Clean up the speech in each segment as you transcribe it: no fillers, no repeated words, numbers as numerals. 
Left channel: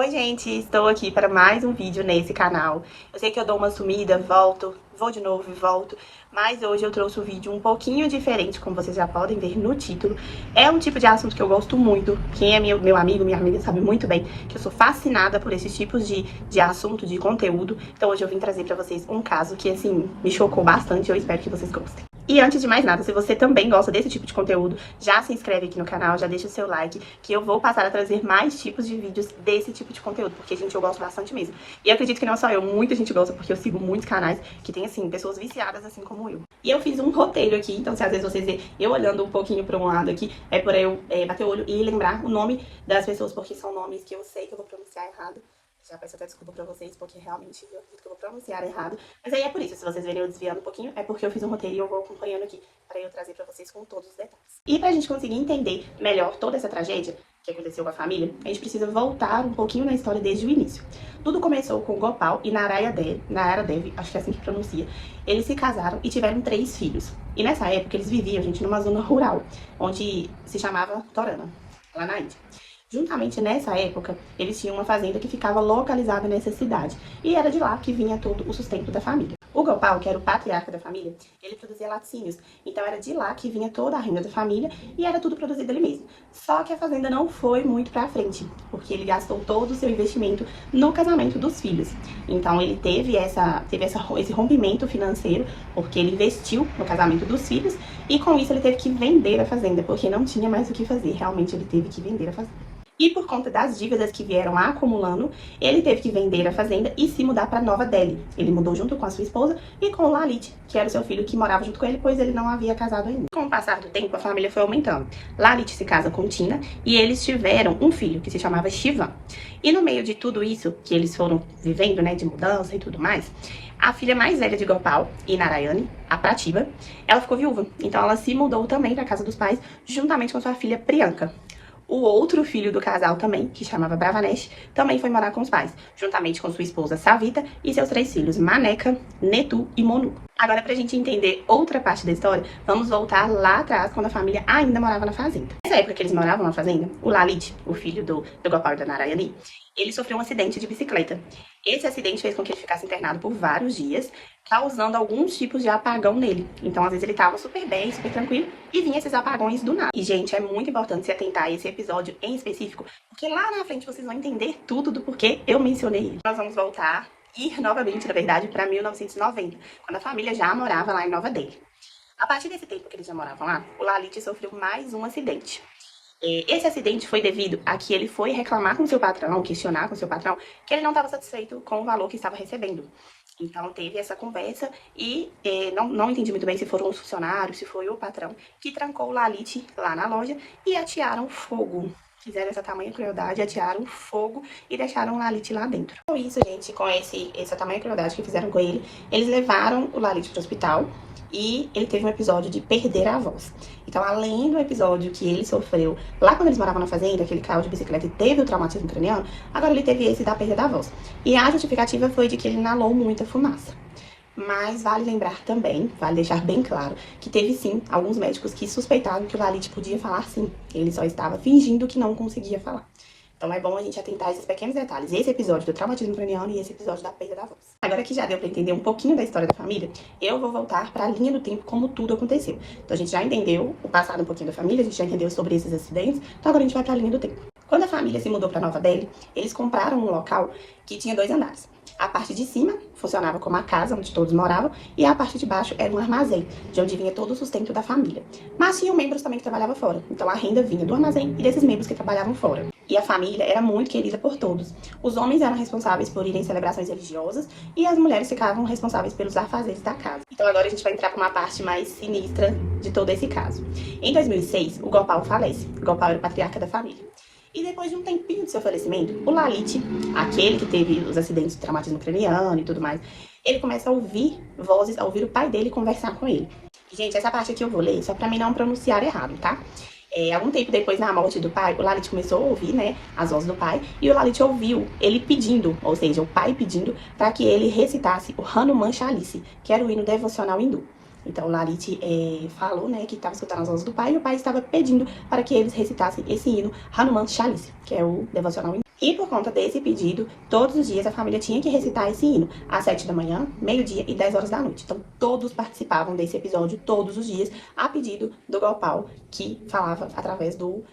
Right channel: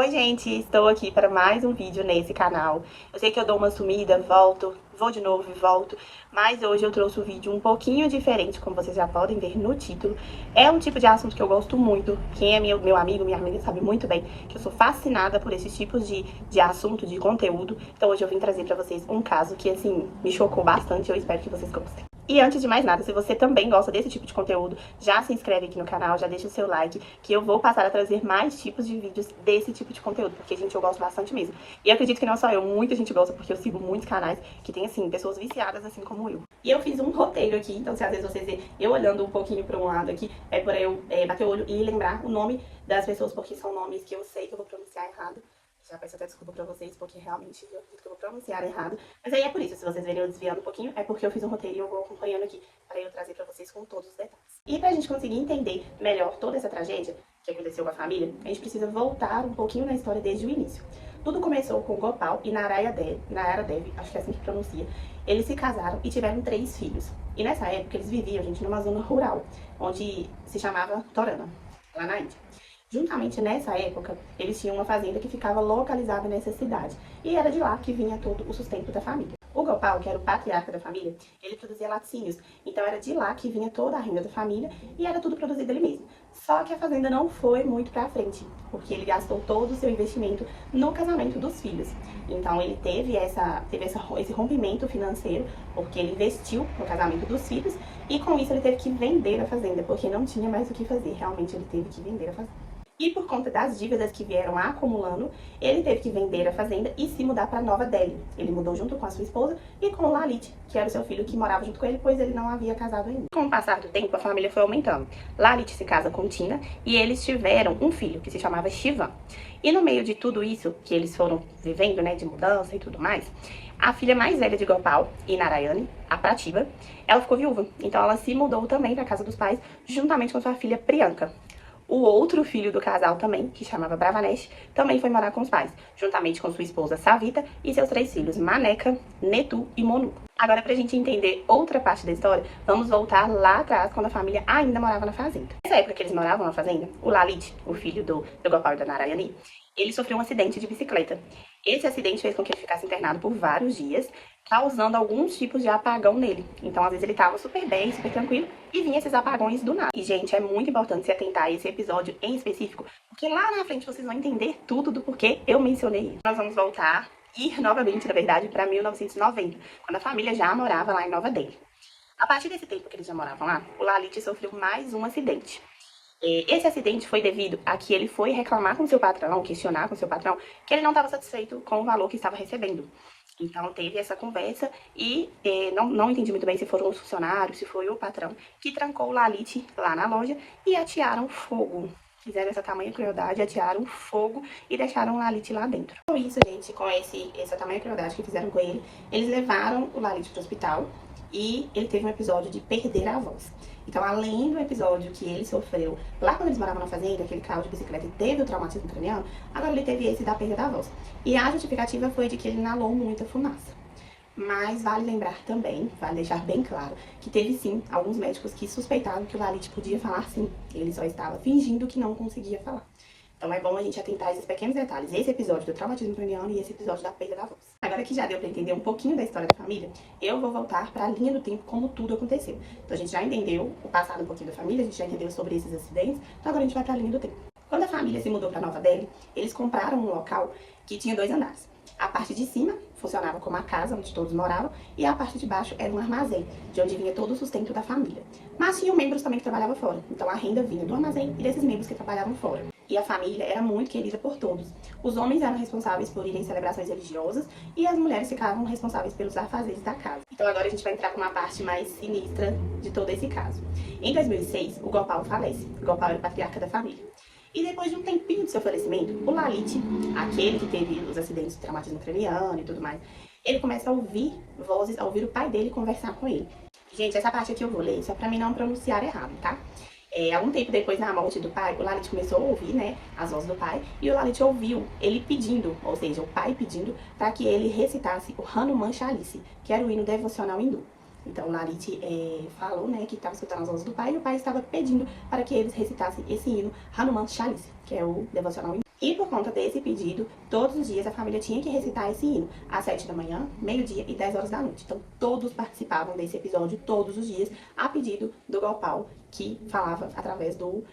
Oi gente, estou aqui para mais um vídeo nesse canal. Eu sei que eu dou uma sumida, volto, vou de novo e volto, mas hoje eu trouxe um vídeo um pouquinho diferente, como vocês já podem ver no título. É um tipo de assunto que eu gosto muito. Quem é meu amigo, minha amiga sabe muito bem que eu sou fascinada por esses tipos de assunto, de conteúdo. Então hoje eu vim trazer para vocês um caso que, assim, me chocou bastante e eu espero que vocês gostem. E antes de mais nada, se você também gosta desse tipo de conteúdo, já se inscreve aqui no canal, já deixa o seu like, que eu vou passar a trazer mais tipos de vídeos desse tipo de conteúdo, porque, gente, eu gosto bastante mesmo. E eu acredito que não só eu, muita gente gosta, porque eu sigo muitos canais que tem, assim, pessoas viciadas, assim como eu. E eu fiz um roteiro aqui, então se às vezes vocês verem eu olhando um pouquinho para um lado aqui, é por eu bater o olho e lembrar o nome das pessoas, porque são nomes que eu sei que eu vou pronunciar errado. Já peço até desculpa pra vocês, porque realmente eu acredito que eu vou pronunciar errado. Mas aí é por isso, se vocês verem eu desviando um pouquinho, é porque eu fiz um roteiro e eu vou acompanhando aqui pra eu trazer pra vocês com todos os detalhes. E pra gente conseguir entender melhor toda essa tragédia que aconteceu com a família, a gente precisa voltar um pouquinho na história desde o início. Tudo começou com Gopal e Naraya Devi, acho que é assim que pronuncia. Eles se casaram e tiveram 3 filhos. E nessa época eles viviam, gente, numa zona rural, onde se chamava Torana, lá na Índia. Juntamente nessa época, eles tinham uma fazenda que ficava localizada nessa cidade. E era de lá que vinha todo o sustento da família. O Gopal, que era o patriarca da família, ele produzia laticínios. Então era de lá que vinha toda a renda da família e era tudo produzido dele mesmo. Só que a fazenda não foi muito pra frente, porque ele gastou todo o seu investimento no casamento dos filhos. Então ele teve esse rompimento financeiro, porque ele investiu no casamento dos filhos e com isso ele teve que vender a fazenda, porque não tinha mais o que fazer. Realmente ele teve que vender a fazenda. E por conta das dívidas que vieram acumulando, ele teve que vender a fazenda e se mudar para Nova Delhi. Ele mudou junto com a sua esposa e com o Lalit, que era o seu filho que morava junto com ele, pois ele não havia casado ainda. Com o passar do tempo, a família foi aumentando. Lalit se casa com Tina e eles tiveram um filho que se chamava Shivam. E no meio de tudo isso que eles foram vivendo, né, de mudança e tudo mais, a filha mais velha de Gopal e Narayani, a Pratibha, ela ficou viúva. Então ela se mudou também para casa dos pais, juntamente com sua filha Priyanka. O outro filho do casal também, que chamava Bravanesh, também foi morar com os pais, juntamente com sua esposa Savita e seus 3 filhos, Maneka, Netu e Monu. Agora, pra gente entender outra parte da história, vamos voltar lá atrás, quando a família ainda morava na fazenda. Nessa época que eles moravam na fazenda, o Lalit, o filho do Gopal e da Narayani, ele sofreu um acidente de bicicleta. Esse acidente fez com que ele ficasse internado por vários dias, causando alguns tipos de apagão nele. Então, às vezes, ele tava super bem, super tranquilo, e vinha esses apagões do nada. E, gente, é muito importante se atentar a esse episódio em específico, porque lá na frente vocês vão entender tudo do porquê eu mencionei ele. Nós vamos voltar, ir novamente, na verdade, para 1990, quando a família já morava lá em Nova Delhi. A partir desse tempo que eles já moravam lá, o Lalit sofreu mais um acidente. Esse acidente foi devido a que ele foi reclamar com seu patrão, questionar com seu patrão, que ele não estava satisfeito com o valor que estava recebendo. Então teve essa conversa e não entendi muito bem se foram os funcionários, se foi o patrão, que trancou o Lalit lá na loja e atearam fogo. Fizeram essa tamanha crueldade, atearam fogo e deixaram o Lalit lá dentro. Com isso, gente, com essa tamanha crueldade que fizeram com ele, eles levaram o Lalit para o hospital. E ele teve um episódio de perder a voz. Então, além do episódio que ele sofreu lá quando eles moravam na fazenda, que ele caiu de bicicleta e teve o traumatismo craniano, agora ele teve esse da perda da voz. E a justificativa foi de que ele inalou muita fumaça. Mas vale lembrar também, vale deixar bem claro, que teve sim alguns médicos que suspeitaram que o Lalit podia falar sim. Ele só estava fingindo que não conseguia falar. Então é bom a gente atentar a esses pequenos detalhes. Esse episódio do traumatismo craniano e esse episódio da perda da voz. Agora que já deu pra entender um pouquinho da história da família, eu vou voltar pra linha do tempo como tudo aconteceu. Então a gente já entendeu o passado um pouquinho da família, a gente já entendeu sobre esses acidentes, então agora a gente vai pra linha do tempo. Quando a família se mudou pra Nova Delhi, eles compraram um local que tinha 2 andares. A parte de cima funcionava como a casa onde todos moravam e a parte de baixo era um armazém, de onde vinha todo o sustento da família. Mas tinham membros também que trabalhavam fora, então a renda vinha do armazém e desses membros que trabalhavam fora. E a família era muito querida por todos. Os homens eram responsáveis por irem em celebrações religiosas e as mulheres ficavam responsáveis pelos afazeres da casa. Então agora a gente vai entrar para uma parte mais sinistra de todo esse caso. Em 2006, o Gopal falece. O Gopal era o patriarca da família. E depois de um tempinho de seu falecimento, o Lalit, aquele que teve os acidentes de traumatismo craniano e tudo mais, ele começa a ouvir vozes, a ouvir o pai dele conversar com ele. Gente, essa parte aqui eu vou ler só pra mim não pronunciar errado, tá? Algum tempo depois da morte do pai, o Lalit começou a ouvir, né, as vozes do pai, e o Lalit ouviu ele pedindo, ou seja, o pai pedindo para que ele recitasse o Hanuman Chalisa, que era o hino devocional hindu. Então o Lalit falou, né, que estava escutando as vozes do pai, e o pai estava pedindo para que eles recitassem esse hino Hanuman Chalisa, que é o devocional hindu. E por conta desse pedido, todos os dias a família tinha que recitar esse hino, às 7 da manhã, meio-dia e 10 horas da noite. Então, todos participavam desse episódio, todos os dias, a pedido do Gopal, que falava através do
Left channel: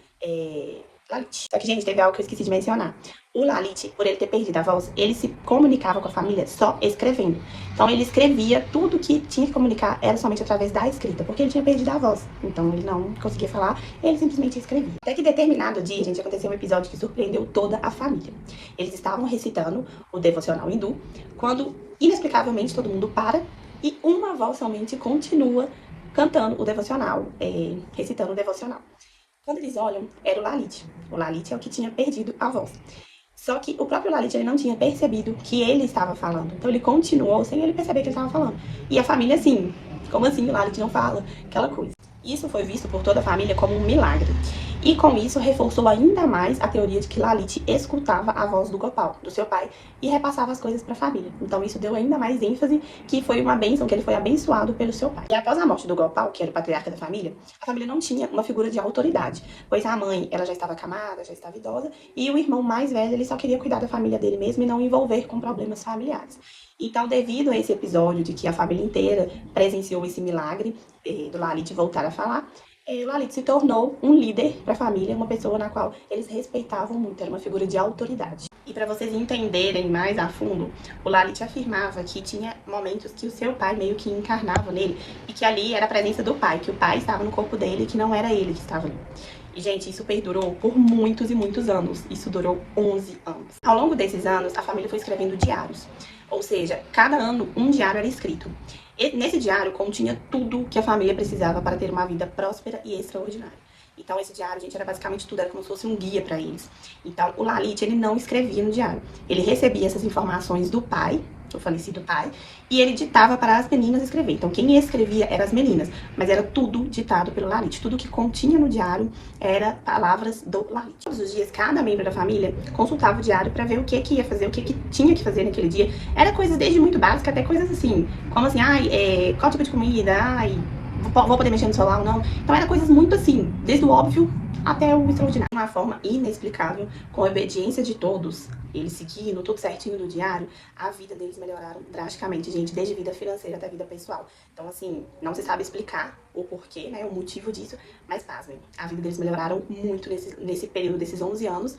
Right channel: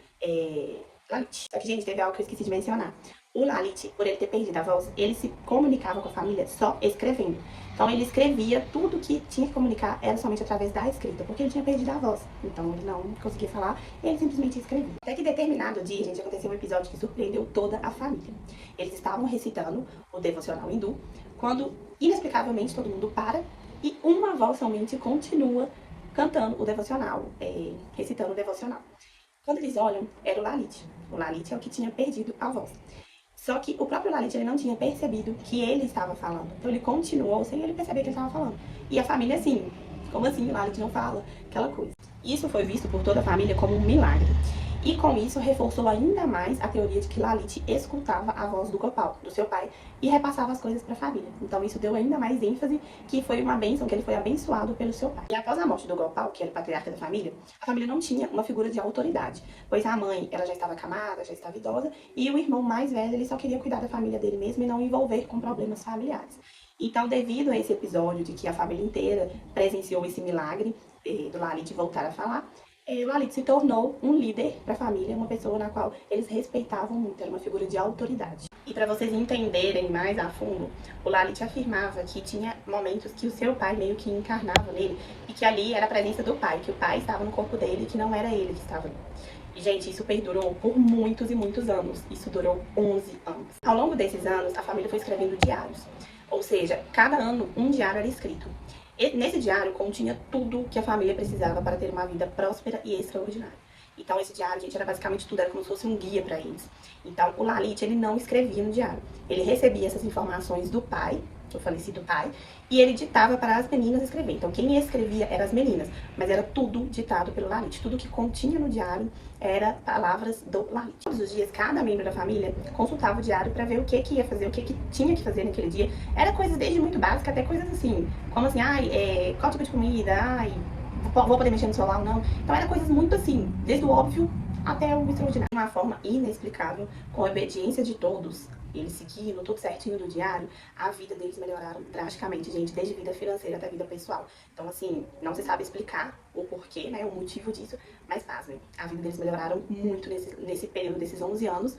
Lalit. Só que, gente, teve algo que eu esqueci de mencionar. O Lalit, por ele ter perdido a voz, ele se comunicava com a família só escrevendo. Então, ele escrevia tudo que tinha que comunicar, era somente através da escrita, porque ele tinha perdido a voz. Então, ele não conseguia falar, ele simplesmente escrevia. Até que determinado dia, gente, aconteceu um episódio que surpreendeu toda a família. Eles estavam recitando o devocional hindu, quando, inexplicavelmente, todo mundo para e uma voz somente continua cantando o devocional, recitando o devocional. Quando eles olham, era o Lalit. O Lalit é o que tinha perdido a voz. Só que o próprio Lalit, ele não tinha percebido que ele estava falando. Então ele continuou sem ele perceber que ele estava falando. E a família assim, como assim o Lalit não fala? Aquela coisa. Isso foi visto por toda a família como um milagre. E com isso reforçou ainda mais a teoria de que Lalit escutava a voz do Gopal, do seu pai, e repassava as coisas para a família. Então isso deu ainda mais ênfase que foi uma bênção, que ele foi abençoado pelo seu pai. E após a morte do Gopal, que era o patriarca da família, a família não tinha uma figura de autoridade, pois a mãe, ela já estava acamada, já estava idosa, e o irmão mais velho, ele só queria cuidar da família dele mesmo e não envolver com problemas familiares. Então, devido a esse episódio de que a família inteira presenciou esse milagre do Lalit voltar a falar, o Lalit se tornou um líder para a família, uma pessoa na qual eles respeitavam muito, era uma figura de autoridade. E para vocês entenderem mais a fundo, o Lalit afirmava que tinha momentos que o seu pai meio que encarnava nele e que ali era a presença do pai, que o pai estava no corpo dele e que não era ele que estava ali. E, gente, isso perdurou por muitos e muitos anos. Isso durou 11 anos. Ao longo desses anos, a família foi escrevendo diários. Ou seja, cada ano um diário era escrito. E nesse diário continha tudo que a família precisava para ter uma vida próspera e extraordinária. Então, esse diário, gente, era basicamente tudo, era como se fosse um guia para eles. Então, o Lalit, ele não escrevia no diário. Ele recebia essas informações do pai, o falecido pai, e ele ditava para as meninas escrever. Então, quem escrevia eram as meninas, mas era tudo ditado pelo Lalit. Tudo que continha no diário era palavras do Lalit. Todos os dias, cada membro da família consultava o diário para ver o que ia fazer, o que tinha que fazer naquele dia. Era coisas desde muito básicas até coisas assim, como assim, qual tipo de comida, vou poder mexer no celular ou não. Então, era coisas muito assim, desde o óbvio até o extraordinário. De uma forma inexplicável, com a obediência de todos, eles seguindo tudo certinho do diário, a vida deles melhoraram drasticamente, gente, desde a vida financeira até a vida pessoal. Então, assim, não se sabe explicar o porquê, né, o motivo disso, mas pasmem, a vida deles melhoraram muito nesse período desses 11 anos,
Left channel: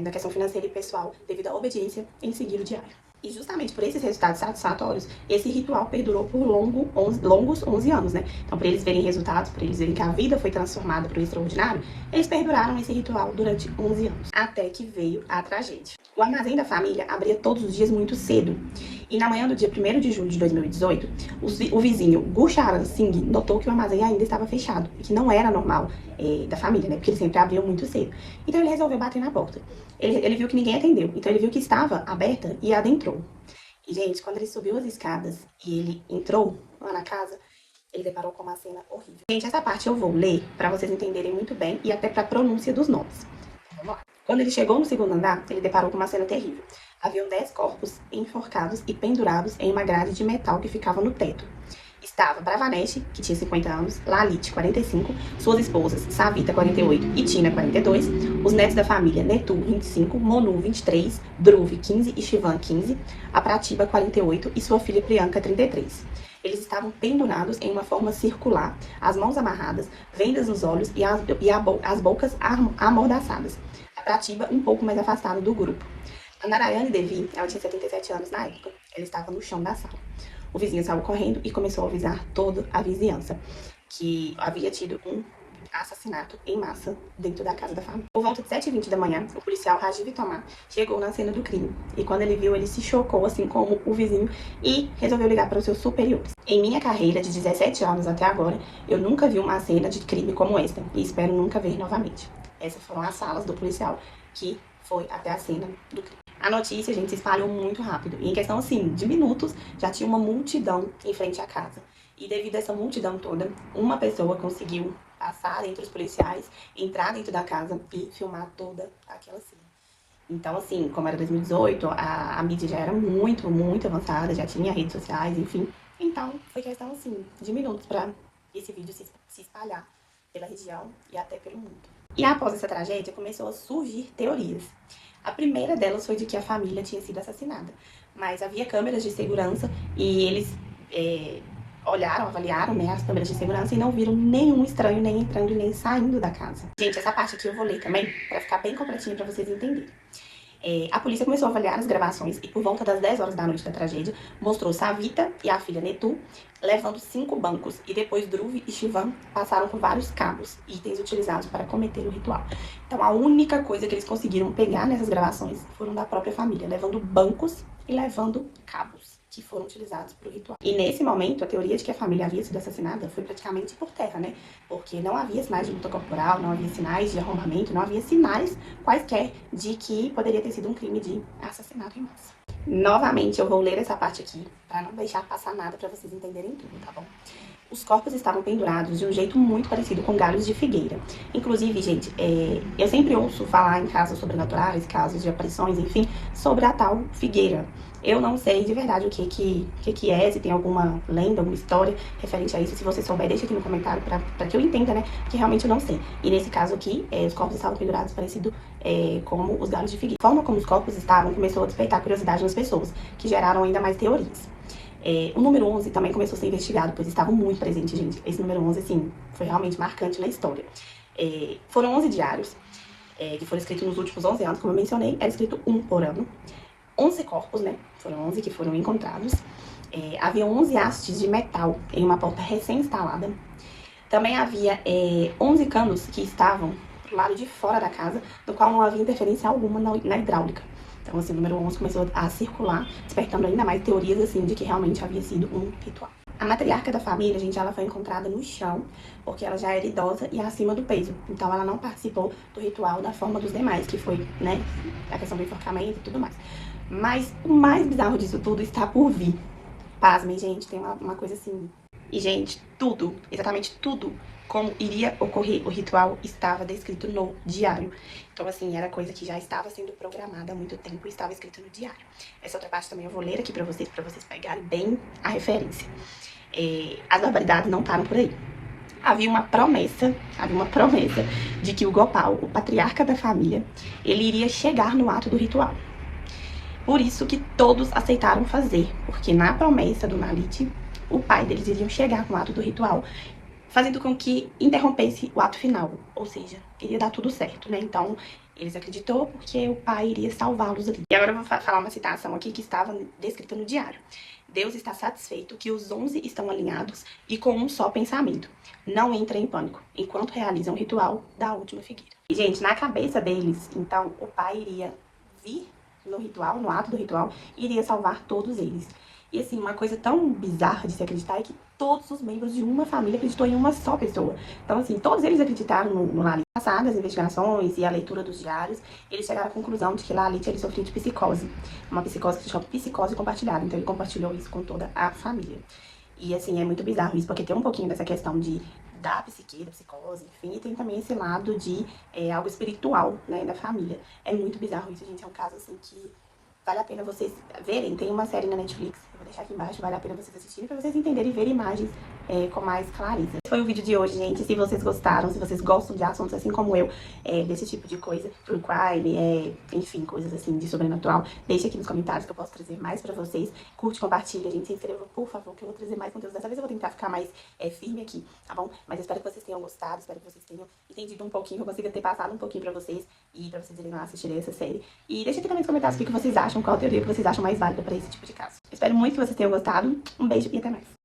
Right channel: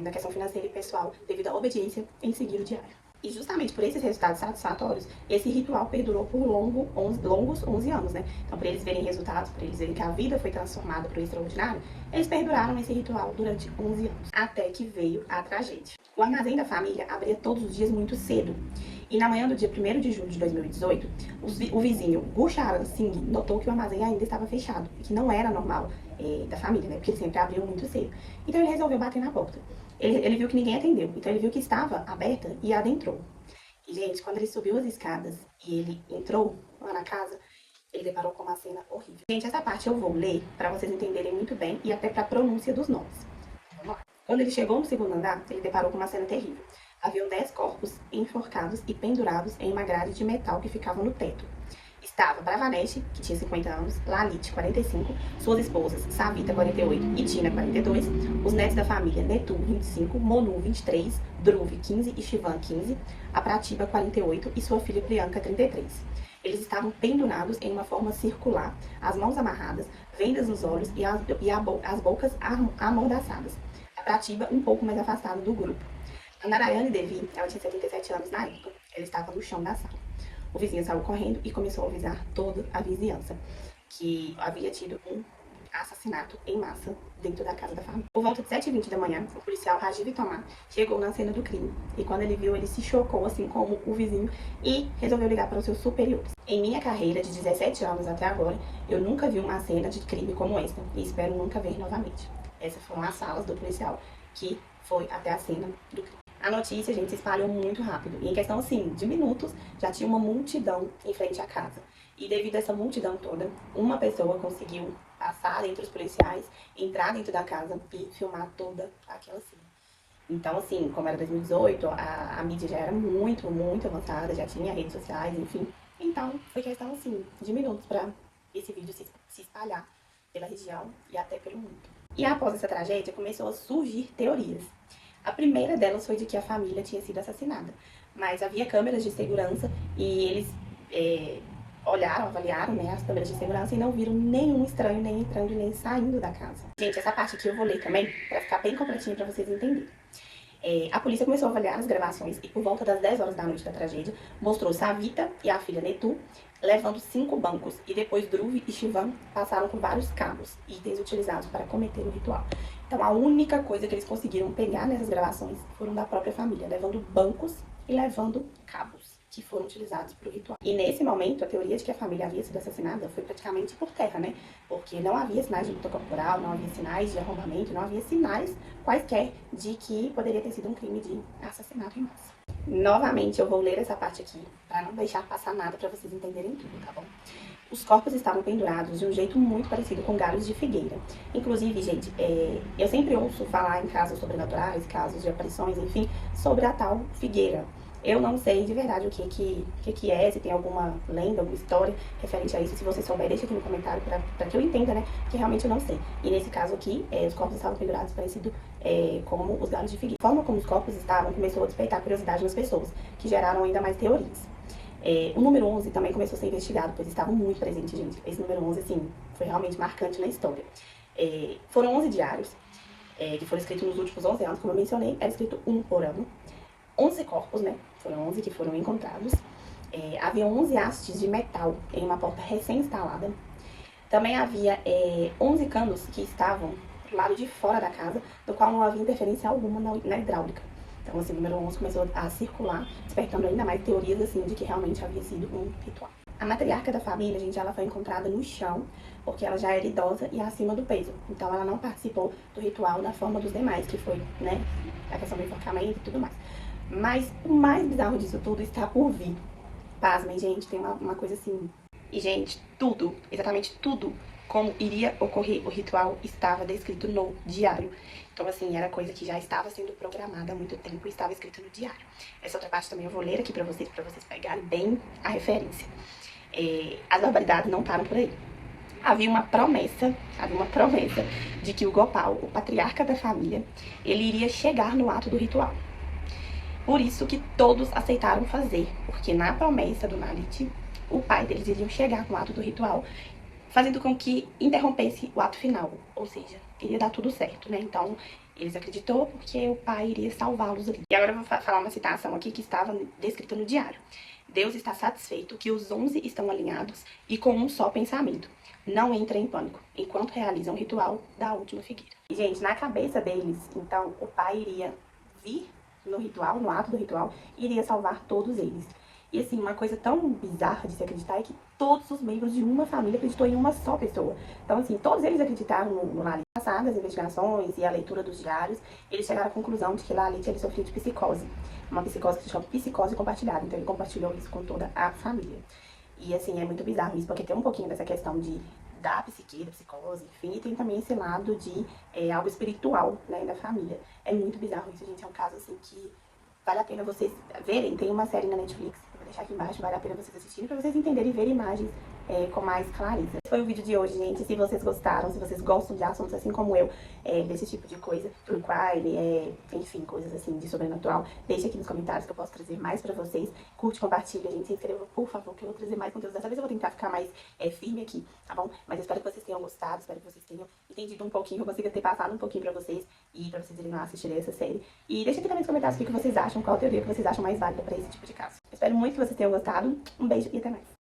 na questão financeira e pessoal, devido à obediência em seguir o diário. E justamente por esses resultados satisfatórios, esse ritual perdurou por longos 11 anos, né? Então, para eles verem resultados, para eles verem que a vida foi transformada para o extraordinário, eles perduraram esse ritual durante 11 anos, até que veio a tragédia. O armazém da família abria todos os dias muito cedo, e na manhã do dia 1º de julho de 2018, o vizinho Gurcharan Singh notou que o armazém ainda estava fechado, e que não era normal da família, né? Porque eles sempre abriam muito cedo. Então, ele resolveu bater na porta. Ele viu que ninguém atendeu, então ele viu que estava aberta e adentrou. E, gente, quando ele subiu as escadas e ele entrou lá na casa, ele deparou com uma cena horrível. Gente, essa parte eu vou ler para vocês entenderem muito bem e até para a pronúncia dos nomes. Vamos lá. Quando ele chegou no segundo andar, ele deparou com uma cena terrível. Haviam 10 corpos enforcados e pendurados em uma grade de metal que ficava no teto. Estava Bravanesh, que tinha 50 anos, Lalit, 45, suas esposas, Savita, 48 e Tina, 42, os netos da família, Netu, 25, Monu, 23, Dhruv, 15 e Shivan, 15, a Pratibha, 48 e sua filha Priyanka, 33. Eles estavam pendurados em uma forma circular, as mãos amarradas, vendas nos olhos e as bocas amordaçadas. A Pratibha um pouco mais afastada do grupo. A Narayani Devi, ela tinha 77 anos na época, ela estava no chão da sala. O vizinho saiu correndo e começou a avisar toda a vizinhança que havia tido um assassinato em massa dentro da casa da família. Por volta de 7h20 da manhã, o policial Rajiv Tomar chegou na cena do crime. E quando ele viu, ele se chocou, assim como o vizinho, e resolveu ligar para os seus superiores. Em minha carreira de 17 anos até agora, eu nunca vi uma cena de crime como esta. E espero nunca ver novamente. Essas foram as salas do policial que foi até a cena do crime. A notícia, gente, se espalhou muito rápido. E em questão, assim, de minutos, já tinha uma multidão em frente à casa. E devido a essa multidão toda, uma pessoa conseguiu passar entre os policiais, entrar dentro da casa e filmar toda aquela cena. Então, assim, como era 2018, a mídia já era muito, muito avançada, já tinha redes sociais, enfim. Então, foi questão, assim, de minutos para esse vídeo se espalhar pela região e até pelo mundo. E após essa tragédia, começou a surgir teorias. A primeira delas foi de que a família tinha sido assassinada, mas havia câmeras de segurança e eles avaliaram, né, as câmeras de segurança e não viram nenhum estranho nem entrando e nem saindo da casa. Gente, essa parte aqui eu vou ler também, pra ficar bem completinho pra vocês entenderem. A polícia começou a avaliar as gravações e por volta das 10 horas da noite da tragédia, mostrou Savita e a filha Netu levando 5 bancos e depois Dhruv e Shivam passaram por vários cabos, itens utilizados para cometer o ritual. Então a única coisa que eles conseguiram pegar nessas gravações foram da própria família, levando bancos e levando cabos que foram utilizados para o ritual. E nesse momento, a teoria de que a família havia sido assassinada foi praticamente por terra, né? Porque não havia sinais de luta corporal, não havia sinais de arrombamento, não havia sinais quaisquer de que poderia ter sido um crime de assassinato em massa. Novamente, eu vou ler essa parte aqui, para não deixar passar nada para vocês entenderem tudo, tá bom? Os corpos estavam pendurados de um jeito muito parecido com galhos de figueira. Inclusive, gente, eu sempre ouço falar em casos sobrenaturais, casos de aparições, enfim, sobre a tal figueira. Eu não sei de verdade o que é, se tem alguma lenda, alguma história referente a isso. Se você souber, deixa aqui no comentário pra que eu entenda, né? Que realmente eu não sei. E nesse caso aqui, os corpos estavam pendurados parecido como os galhos de figueira. A forma como os corpos estavam começou a despertar curiosidade nas pessoas, que geraram ainda mais teorias. O número 11 também começou a ser investigado, pois estavam muito presentes, gente. Esse número 11, assim, foi realmente marcante na história. Foram 11 diários, que foram escritos nos últimos 11 anos, como eu mencionei, era escrito um por ano. 11 corpos, né? Foram 11 que foram encontrados. Havia 11 hastes de metal em uma porta recém-instalada. Também havia 11 canos que estavam do lado de fora da casa, do qual não havia interferência alguma na hidráulica. Então, assim, o número 11 começou a circular, despertando ainda mais teorias, assim, de que realmente havia sido um ritual. A matriarca da família, gente, ela foi encontrada no chão, porque ela já era idosa e acima do peso. Então, ela não participou do ritual da forma dos demais, que foi, né, a questão do enforcamento e tudo mais. Mas o mais bizarro disso tudo está por vir. Pasmem, gente, tem uma coisa assim. E, gente, tudo, exatamente tudo, como iria ocorrer o ritual, estava descrito no diário. Então, assim, era coisa que já estava sendo programada há muito tempo e estava escrito no diário. Essa outra parte também eu vou ler aqui pra vocês pegarem bem a referência. As barbaridades não param por aí. Havia uma promessa de que o Gopal, o patriarca da família, ele iria chegar no ato do ritual. Por isso que todos aceitaram fazer, porque na promessa do Lalit, o pai deles iria chegar no ato do ritual, fazendo com que interrompesse o ato final, ou seja, iria dar tudo certo, né? Então, eles acreditou porque o pai iria salvá-los ali. E agora eu vou falar uma citação aqui que estava descrita no diário. Deus está satisfeito que os 11 estão alinhados e com um só pensamento. Não entrem em pânico, enquanto realizam o ritual da última figueira. E, gente, na cabeça deles, então, o pai iria vir no ritual, no ato do ritual, iria salvar todos eles. E assim, uma coisa tão bizarra de se acreditar é que todos os membros de uma família acreditou em uma só pessoa. Então, assim, todos eles acreditaram no Lalit. Passadas as investigações e a leitura dos diários, eles chegaram à conclusão de que Lalit ele sofria de psicose. Uma psicose que se chama psicose compartilhada. Então, ele compartilhou isso com toda a família. E, assim, é muito bizarro isso, porque tem um pouquinho dessa questão da psique, da psicose, enfim, e tem também esse lado de algo espiritual, né, da família. É muito bizarro isso, gente. É um caso, assim, que vale a pena vocês verem. Tem uma série na Netflix, eu vou deixar aqui embaixo, vale a pena vocês assistirem pra vocês entenderem e verem imagens com mais clareza. Esse foi o vídeo de hoje, gente. Se vocês gostaram, se vocês gostam de assuntos assim como eu, desse tipo de coisa, true crime, enfim, coisas assim de sobrenatural, deixa aqui nos comentários que eu posso trazer mais pra vocês. Curte, compartilha, gente, se inscreva, por favor, que eu vou trazer mais conteúdo. Dessa vez eu vou tentar ficar mais firme aqui, tá bom? Mas eu espero que vocês tenham gostado, espero que vocês tenham entendido um pouquinho, que eu consiga ter passado um pouquinho pra vocês e pra vocês irem lá assistirem essa série. E deixa aqui também nos comentários o que vocês acham, qual teoria que vocês acham mais válida pra esse tipo de caso. Eu espero muito que vocês tenham gostado. Um beijo e até mais.